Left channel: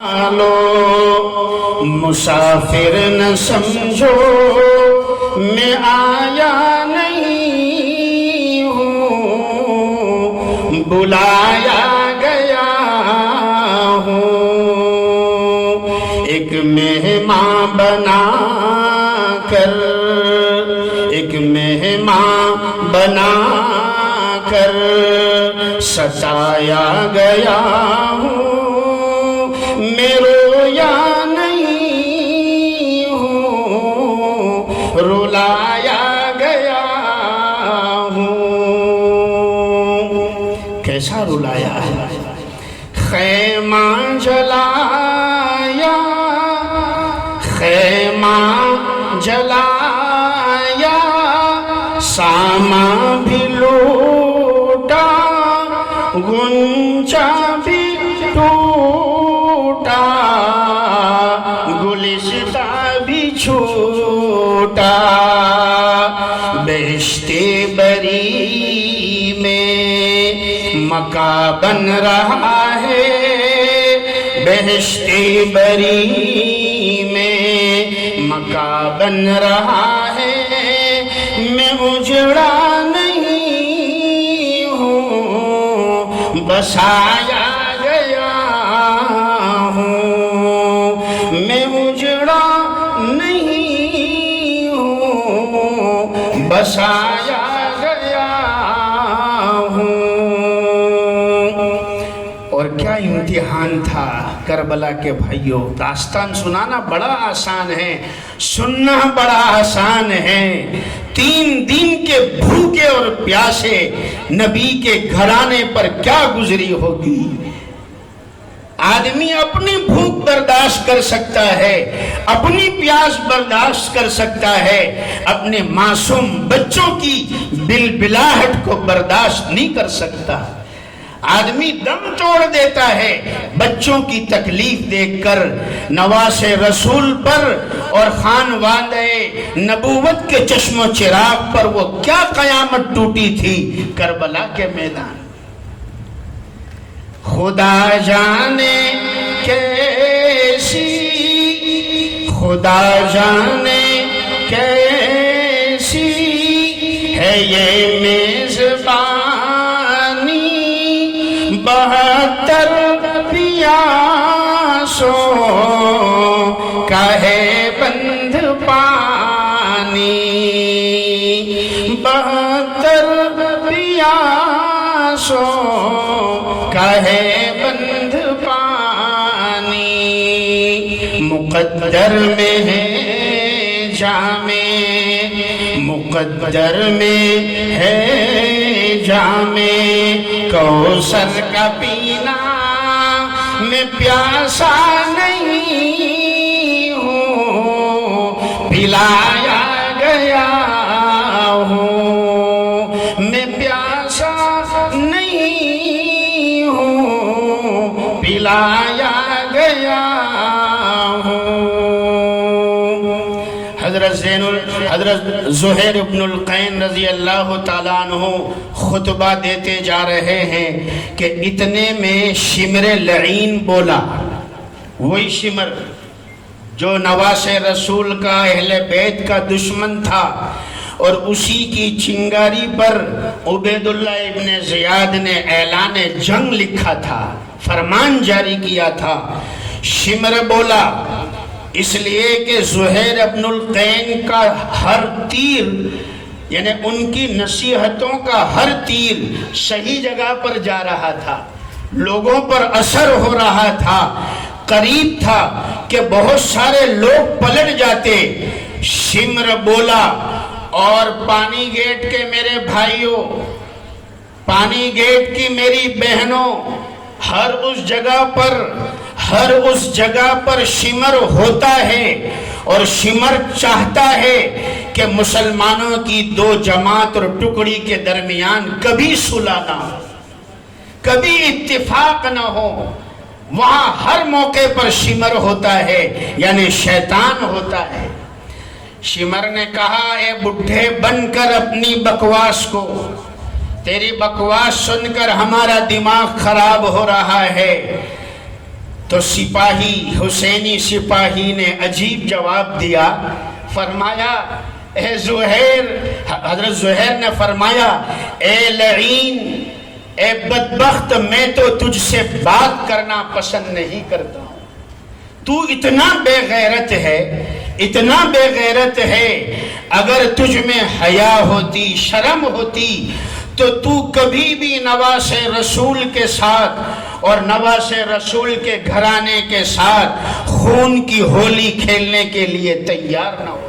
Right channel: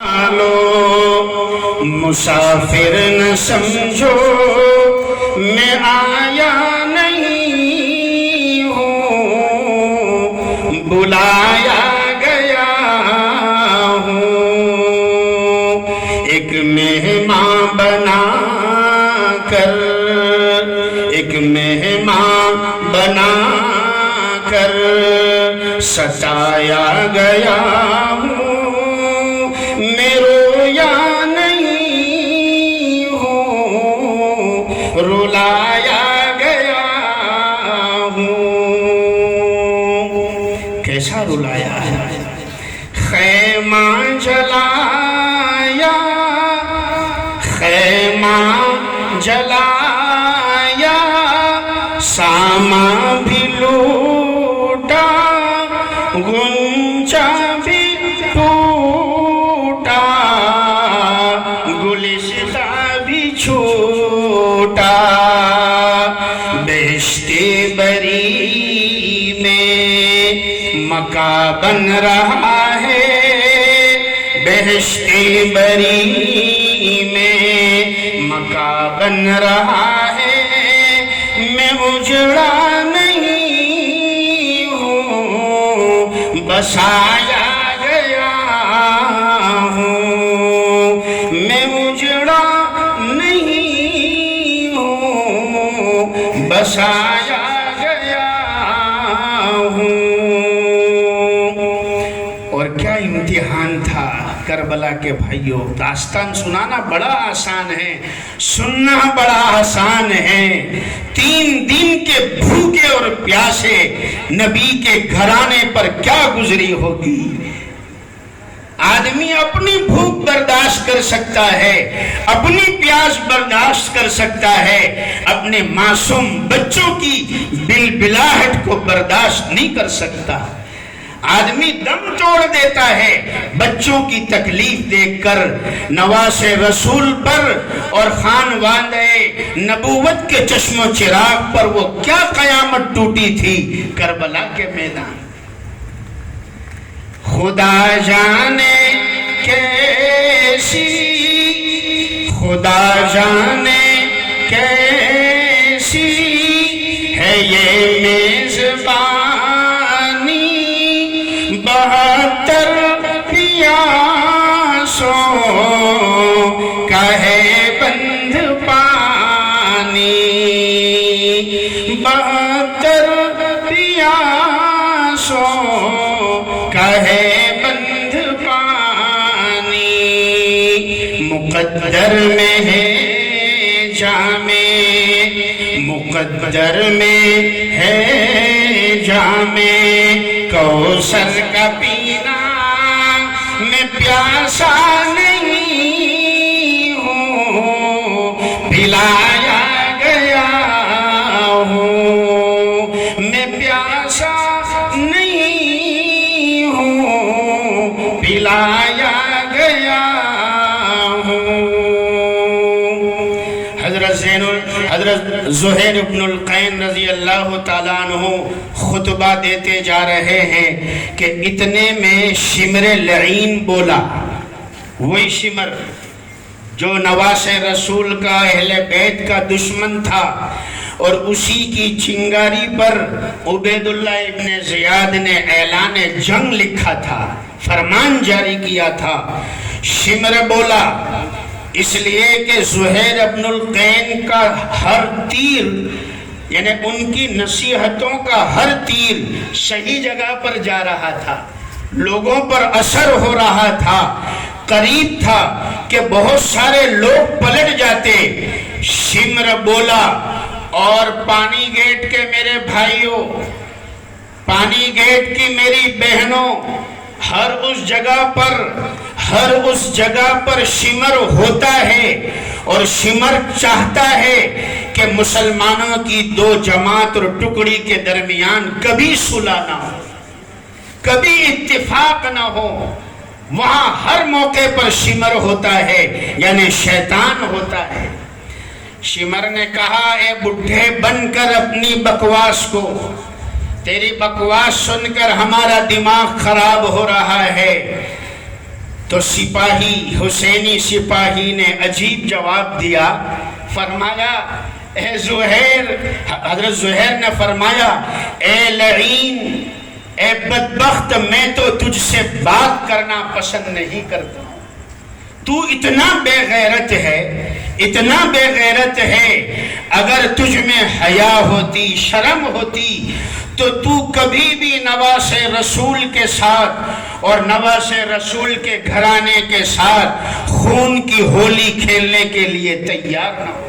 لو مسافر نہ سمجھو میں آیا نہیں ہوں، بلایا گیا ہوں، ایک مہمان بنا کر، ایک مہمان بنا کر ستایا گیا ہوں، میں رویا نہیں ہوں، رلایا گیا ہوں۔ کیسا رلایا ہے؟ خیمہ جلایا، خیمہ جلایا، سامان بھی لوٹا، گنچا بھی ٹوٹا، گلشتہ بھی چھوٹا، بہشت بری میں مکہ بن رہا ہے، بہشت بری میں مکہ بن رہا ہے، میں اجڑا نہیں ہوں، بسایا گیا ہوں، میں اجڑا نہیں ہوں، بسایا گیا ہوں۔ اور کیا امتحان تھا کربلا کے بھائیوں! داستان سنانا بڑا آسان ہے، سننا بڑا آسان ہے۔ 3 دن کے بھوکے اور پیاسے نبی کے گھرانے پر کیا گزری ہوگی۔ آدمی اپنی بھوک برداشت کر سکتا ہے، اپنی پیاس برداشت کر سکتا ہے، اپنے معصوم بچوں کی بلبلاہٹ کو برداشت نہیں کر سکتا۔ آدمی دم توڑ دیتا ہے بچوں کی تکلیف دیکھ کر۔ نواس رسول پر اور خانوادہ نبوت کے چشم و چراغ پر وہ کیا قیامت ٹوٹی تھی کربلا کے میدان۔ خدا جانے کیسی، خدا جانے کیسی ہے یہ میزبانی، 72 پیاسوں کا ہے بند پانی، 72 پیاسوں کا ہے بند پانی، مقدر میں ہے جام، مقدر میں ہے جام کوثر کا پینا، میں پیاسا نہیں ہوں، پلایا گیا ہوں، میں پیاسا نہیں ہوں، پلایا گیا ہوں۔ حضرت زہیر ابن القین رضی اللہ تعالیٰ عنہ خطبہ دیتے جا رہے ہیں کہ اتنے میں شمر لعین بولا، وہی شمر جو نواس رسول کا اہل بیت کا دشمن تھا، اور اسی کی چنگاری پر عبید اللہ ابن زیاد نے اعلان جنگ لکھا تھا، فرمان جاری کیا تھا۔ شمر بولا اس لیے کہ زہیر ابن القین کا ہر تیر، یعنی ان کی نصیحتوں کا ہر تیر صحیح جگہ پر جا رہا تھا، لوگوں پر اثر ہو رہا تھا، قریب تھا کہ بہت سارے لوگ پلٹ جاتے۔ شمر بولا اور پانی گیٹ کے میرے بھائیوں، پانی گیٹ کی میری بہنوں، ہر اس جگہ پر شمر ہوتا ہے، اور شمر چاہتا ہے کہ مسلمانوں کی 2 جماعت اور ٹکڑی کے درمیان کبھی صلح نہ ہو، کبھی اتفاق نہ ہو۔ وہاں ہر موقع پر شمر ہوتا ہے، یعنی شیطان ہوتا ہے۔ شمر نے کہا اے بڈھے بن کر اپنی بکواس کو، تیری بکواس سن کر ہمارا دماغ خراب ہو رہا ہے، تو سپاہی حسینی سپاہی نے عجیب جواب دیا، فرمایا اے زہیر، حضرت زہیر نے فرمایا اے لعین، اے بدبخت، میں تو تجھ سے بات کرنا پسند نہیں کرتا ہوں، تو اتنا بے غیرت ہے، اتنا بے غیرت ہے، اگر تجھ میں حیا ہوتی، شرم ہوتی تو کبھی بھی نواز رسول کے ساتھ اور نواز رسول کے گھرانے کے ساتھ خون کی ہولی کھیلنے کے لیے تیار نہ ہو۔